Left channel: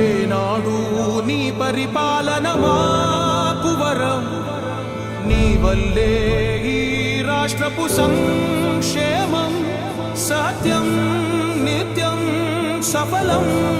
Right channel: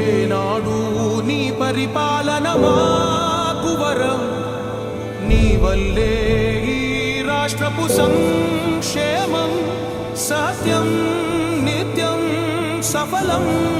ఏనాడు నీ పరిపాలన మాకు వరం. నీ వల్లే ఈ రాష్ట్రపు సంక్షేమం సత్యం నిత్యం సఫలం.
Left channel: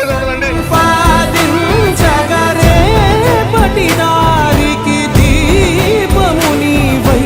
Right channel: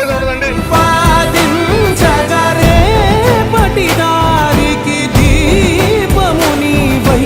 వేరేది ఉండదండి పాదించగరే పటిదారికి దీపముని వై